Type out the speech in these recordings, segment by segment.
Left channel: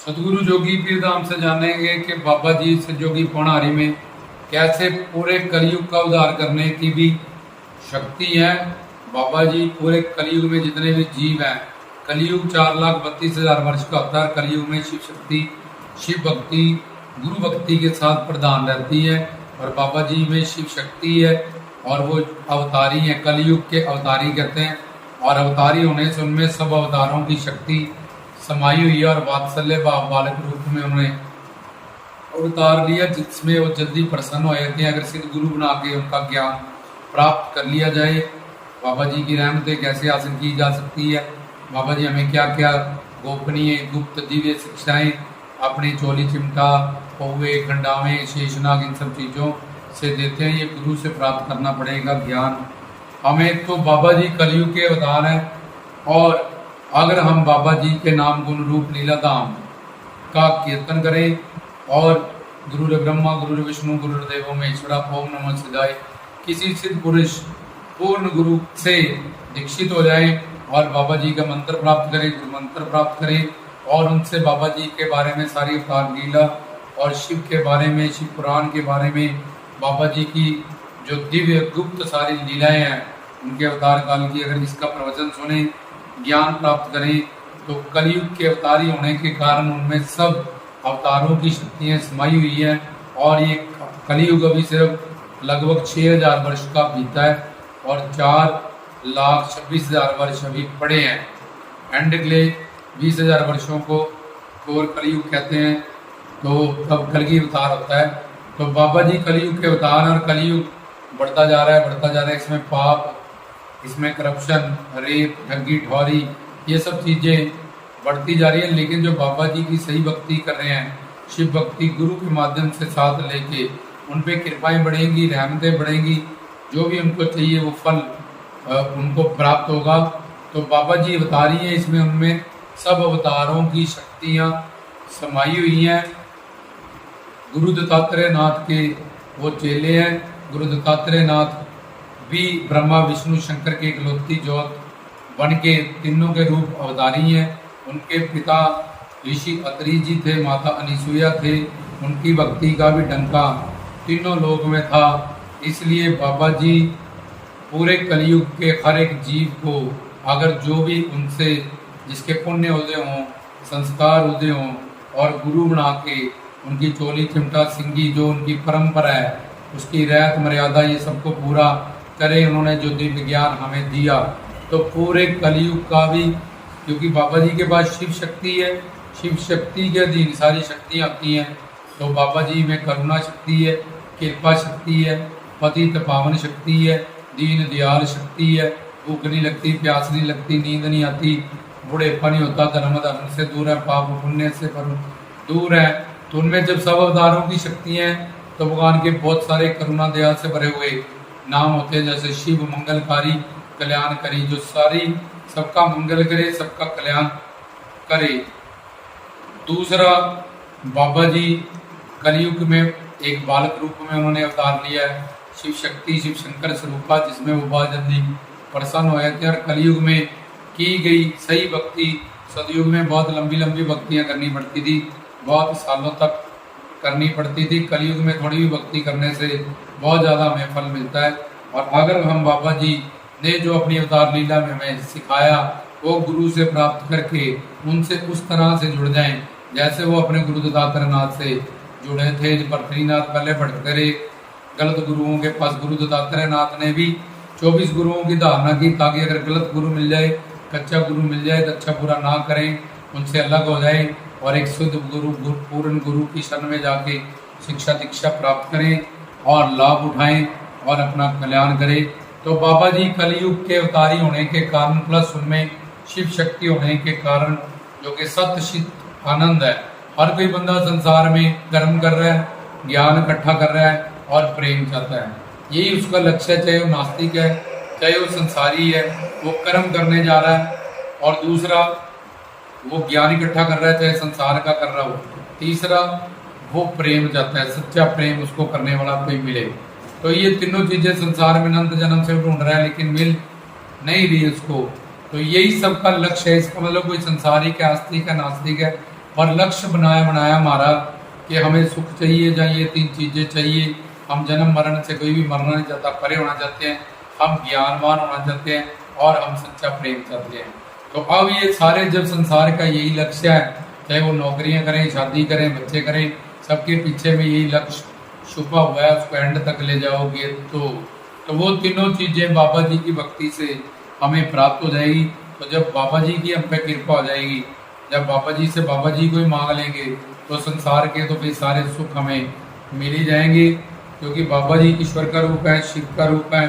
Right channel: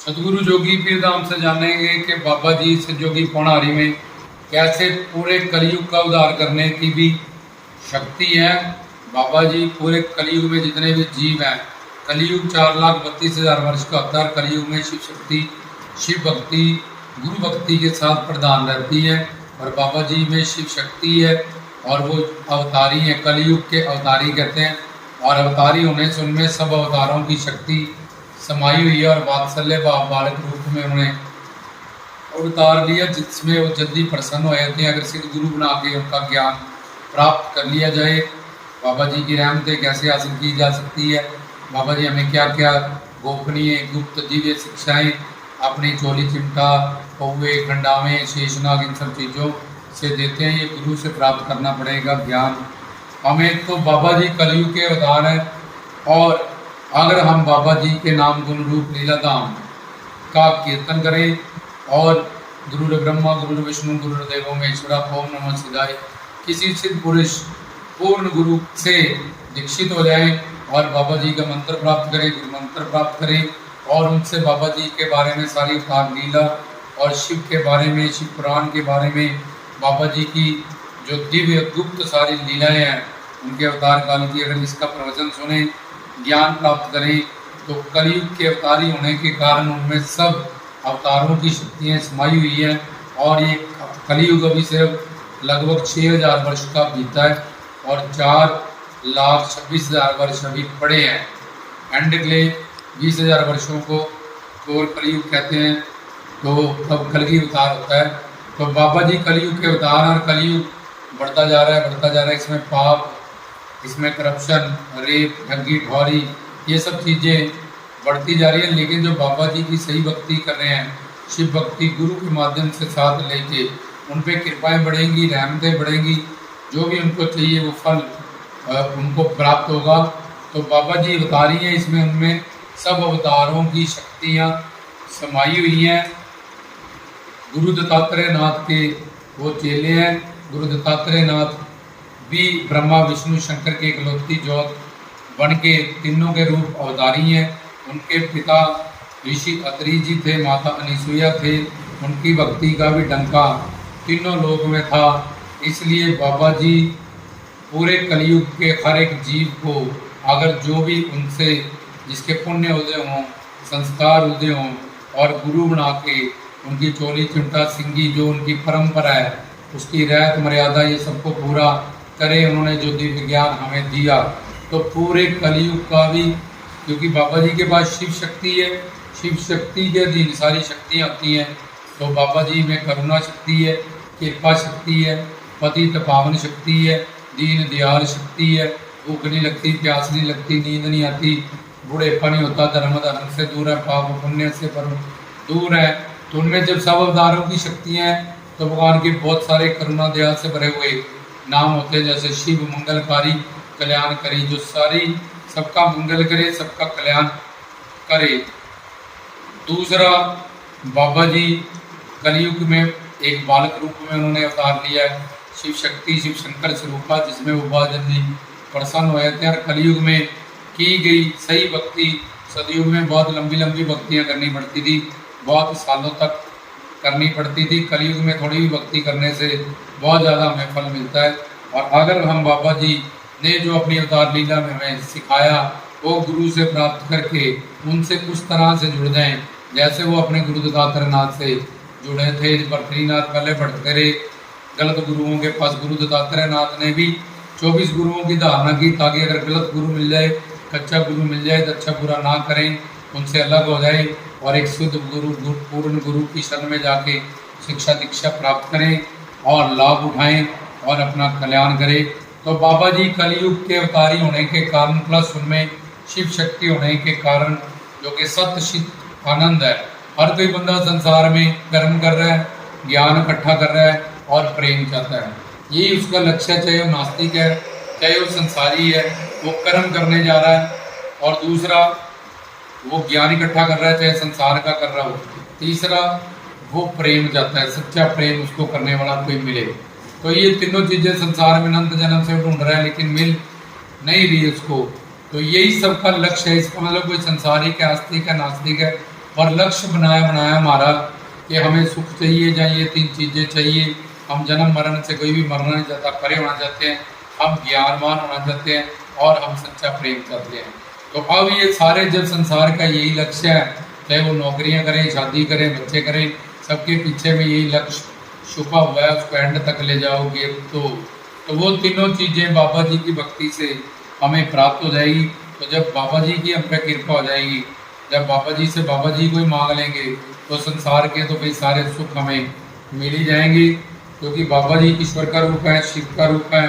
सतगुरु जोगी पीर धाम से जानेंगे कि बाबा जी से जोगी पौनारी में कैसे पूरे कलयुग का उद्धार करने की भी शक्ति है। बाबा जी पूरे कलयुग में जितने भी जीव हैं, कलयुग 4,32,000 वर्ष का होता है। कलयुग में शिव शक्ति, शिव भक्ति, गुरु भक्ति के साथ प्रधान रहती है और बाबा जी में शिव शक्ति है और वो अवतारी है, कलयुग के अवतारी कहते हैं। और अवतारी होने से उनमें सब अवतारों की शक्ति समाई हुई है और वात्सल्य भाव बालक रूप में उन्होंने अवतार लिया, जिसमें वो जल्दी प्रसन्न हो जाते हैं अगर सिद्ध गुरु बना के उनका ज्ञान प्राप्त कर लिया जाए। बाबा जी की रहमतें कैसे हासिल की जा सकती है, बाबा जी हमें क्या क्या गोपनीय गुप्त दिव्य शिक्षाएं अपनी चोली चिमटा, पौवे, खंडावे, शेषनाग इन सब चीज़ों से देते हैं। ये गुरु से प्राप्त करना पड़ेगा ज्ञान हमें। तो बाबा जी कलयुग के अवतार हैं और अगर हम बाबा जी के नाम गुण रूप लीला धाम का कीर्तन करें और गुरु ब्रह्मा, गुरु विष्णु, गुरु देवो महेश्वरा, ओम नमः शिवाय, किसी सिद्ध पुरुष पूर्ण गुरु से दीक्षित हो जाए और बाबा जी का मंत्र प्राप्त करें, गुरु मंत्र प्राप्त करें और उनसे बाबा जी के बारे में सारी अवतार लीला और शिव के बारे में, शिव पुराण के बारे में, बाबा जी की जो दिव्य गुप्त सारी लीलाएं हैं उनके अवतार काल की अगर इसका प्रवचन सुने, ज्ञान प्राप्त करें, तो कलयुग के अवतारी होने के कारण उनमें सब अवतारों की शक्तियाँ समाई हुई है। और ये कलयुग अभी सिर्फ लगभग 6,000 वर्ष का बीता है और 4,26,000 वर्ष अभी पड़े हैं। एंड अगले 20,000 वर्षों को और कलयुग कहते हैं, तो तब कलगी अवतार होता है। तो बाबा जी कलयुग के अवतार और कलयुग बढ़ता जा रहा है, बढ़ता जा रहा है। इसमें पाप, इसमें करप्शन, रेप, ठगी, ठौरी, ये सब चीज़ें बढ़ती जा रही है। लेकिन जो बाबा जी की सही भक्ति कर रहे हैं, शिव भक्ति गुरु के माध्यम से साथ लेके उन पे कृपाएं बढ़ेंगी, रहमतें बढ़ेंगी, जो भी उनको चाहिए वो फल उनको प्राप्त होगा। तो बाबा जी अवतारी हैं, इसमें उनमें सब अवतारों की शक्तियाँ समाई हुई हैं। गुरु दत्तात्रेय नाथ के वो चेले हैं। गुरु दत्तात्रेय नाथ भी ब्रह्मा, विष्णु, शंकर की इकलौती ज्योत बन के तीनों के रूप अवतारी हैं। उनके पिता ऋषि अत्रि जी थे, माता अनिसुईया थे। उनकी भक्ति का भी डंका तीनों लोक में था। इसलिए बाबा जी पूरे कलयुग के हर एक जीव को अगर जो भी उनसे जिसके पुण्य उदय हों, संस्कार उदय हों और गुरु बना के उनकी चोली चिमटा सिंगी जो उनकी परंपरा है, उसकी रहत मर्यादा ये सबको पूरा करे, उन्होंने जो दिव्य ज्ञान हमें दिया, तो पूरे कलयुग का भी, क्योंकि बाबा जी के पास शिव शक्ति है, शिव शक्ति के अधीन सारी शक्तियाँ आती हैं। तो बाबा जी में करुणा शक्ति है, कृपा शक्ति है, पतित पावन शक्ति है, दीन दयाल शक्ति है, भूख नहीं लगती, प्यास नहीं लगती, नींद नहीं आती, बूढ़ेपा नहीं होता, धर्म से दूर है, पाप पुण्य से पर दूर है। तो उनमें जब सब अवतारों की शक्तियाँ हैं तो भगवान के बहुत सारे करुणा दया से भरे हुए नाम होते हैं, जैसे शिव मंगलकारी, कल्याणकारी, जो सारी सबका मंगल करे, सबका कल्याण करे। दूसरा, बाबा जी कलयुग में एक बालक रूप में उन्होंने अवतार लिया है, शिव शक्ति, शिव शंकर स्वरूपा, जिसमें वो बहुत जल्दी प्रसन्न हुए थे। और कलयुग में की गई सही भक्ति, सतयुग में बहुत लंबी लंबी भक्तियाँ करनी पड़ती थी, बहुत सालों तक करनी पड़ती थी। कलयुग में थोड़ी भी भक्ति करने से बहुत ज़्यादा हमें फल मिलता है। और अगर हम बाबा जी ने जो अपनी अवतार लीला में हमें सिखाया वो गुरु से प्राप्त करके उनसे उस तरह से जुड़ जाएं जैसे वो अपने गुरु दत्तात्रेय नाथ से जुड़े थे। बद्रीनाथ पहले भटकते रहे गलत गुरुओं के पास, गुरु दत्तात्रेय नाथ ने भी 24 गुरुओं की धारणा की ताकि अगर गलत गुरु मिल जाए, कच्चा गुरु मिल जाए तो अच्छा बुरा ना करें, उनसे अलग हो जाए और एक शुद्ध गुरु, पूर्ण गुरु की शरण में जाके शिक्षा दीक्षा प्राप्त करें और लाभ उठाएं और अपना कल्याण करें। तो बाबा जी कलयुग के अवतारी होने के कारण प्लस उनमें शिव शक्ति होने के कारण जो कि सत्य चित आनंद है। हर कोई बंदा संसार में कर्म कर रहा है, ज्ञान इकट्ठा कर रहा है और प्रेम चाहता है, यही उसका लक्ष्य है। चाहे वो नास्तिक है, चाहे वो संसारी है, वो कर्म करने जा रहा है। और दूसरा, वो ज्ञान इकट्ठा कर रहा है, चाहे संसार का कर रहा हो। तीसरा, वो प्रेम चाहता है, सच्चा प्रेम उसको करने वाला कोई मिले। तो ये तीनों चीजें संसार में अनंत जन्म से ढूंढ रहा है लेकिन मिल नहीं रही उसको। तो यही सबका लक्ष्य है। इसका मतलब कोई संसारिक है, आस्तिक है, नास्तिक है, और लक्ष्य बनाया बनाया हमारा कि हमें सुख चाहिए, चाहिए 3 चीजें चाहिए। हम जन्म मरण से कोई भी मरना नहीं चाहता, परे होना चाहते हैं, हम ज्ञानवान होना चाहते हैं और हम सच्चा प्रेम चाहते हैं। तो अब ये सारे जब संसार का यही लक्ष्य है, चाहे वो नौकरियां करें, शादी करें, बच्चे करें, सबके पीछे में यही लक्ष्य छुपा हुआ है, उसको एंड तक ले जाओगे तो वो तीनों चीजें बाबा जी की भक्ति से हमें प्राप्त हो जाएगी। तो जब बाबा जी की हम पे कृपा हो जाएगी, जब बाबा जी से बाबा जी को ही मांग लेंगे, तो संसार के तो भी सारे सुख हमें मिल ही जाएंगे, क्योंकि बाबा जी ईश्वर का रूप है, शिव का रूप है।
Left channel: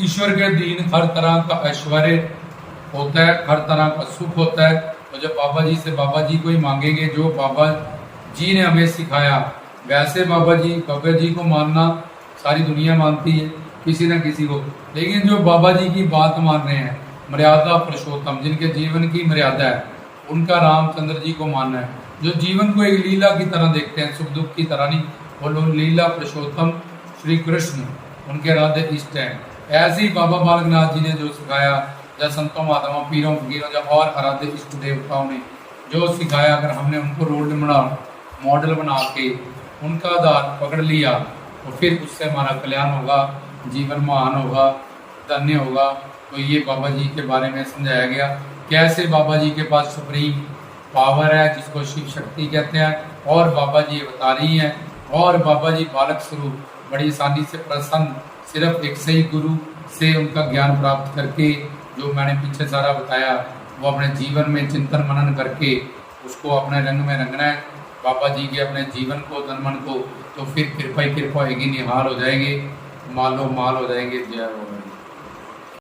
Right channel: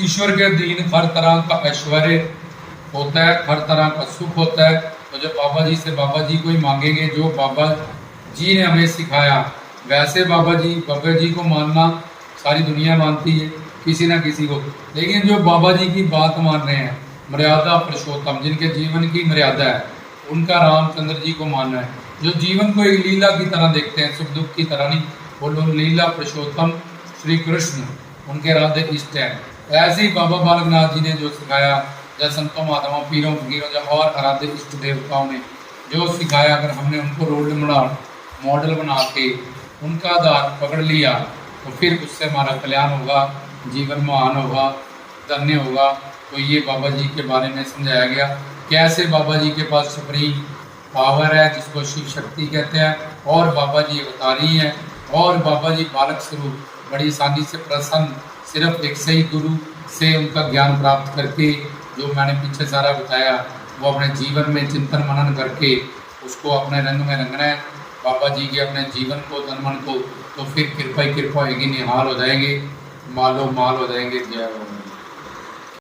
ईश्वर के अधीन हर तरह का ऐश्वर्य होता है, हर तरह का सुख होता है। तो जब बाबा जी से बाबा जी को ही मांगेंगे, जो बाबा जी ने हमें सिखाया, वैसे बाबा जी को मानना सारी दुनिया मानती है किसी ना किसी को, लेकिन जो बाबा जी की बात मान रहे हैं, मर्यादा पुरुषोत्तम, जिनके जीवन की मर्यादा है, उनका रामचंद्र जी को मानना है, जो जीवन को एक लीला की तरह देखते हैं, सुख दुख की तरह नहीं, वो लीला पुरुषोत्तम श्री कृष्ण उनके राधे इष्ट है। ऐसे ही बाबा बालकनाथ जी ने जो सिखाया, या संतों महात्माओं पीरों फकीरों या और आराध्य इष्ट देवताओं ने जो सिखाया, अगर हमने उनको रोल मॉडल बना के उनका आधार पकड़ लिया, तो फिर उससे हमारा कल्याण होगा, जीवन महान होगा, धन्य होगा। तो ये बाबा जी के बारे में समझाया गया, कैसे बाबा जी के पास सुप्रीम पावर है, जिसको शिव शक्ति कहते हैं, और बाबा जी अवतारी है, और बाबा जी बालक स्वरूप बड़ी आसानी से प्रसन्न, सिर्फ एक सही गुरु से उनका ज्ञान प्राप्त करके, जो मैंने पीछे सारा बताया, वो अपने जीवन में चिंतन मनन करके उसको अपने रंग में रंगना है, बाबा जी के अपने जीवन को, तन मन को, तो फिर कृपा ही कृपा होगी, निहाल हो जाएंगे, मालो माल हो जाएंगे। जय हो।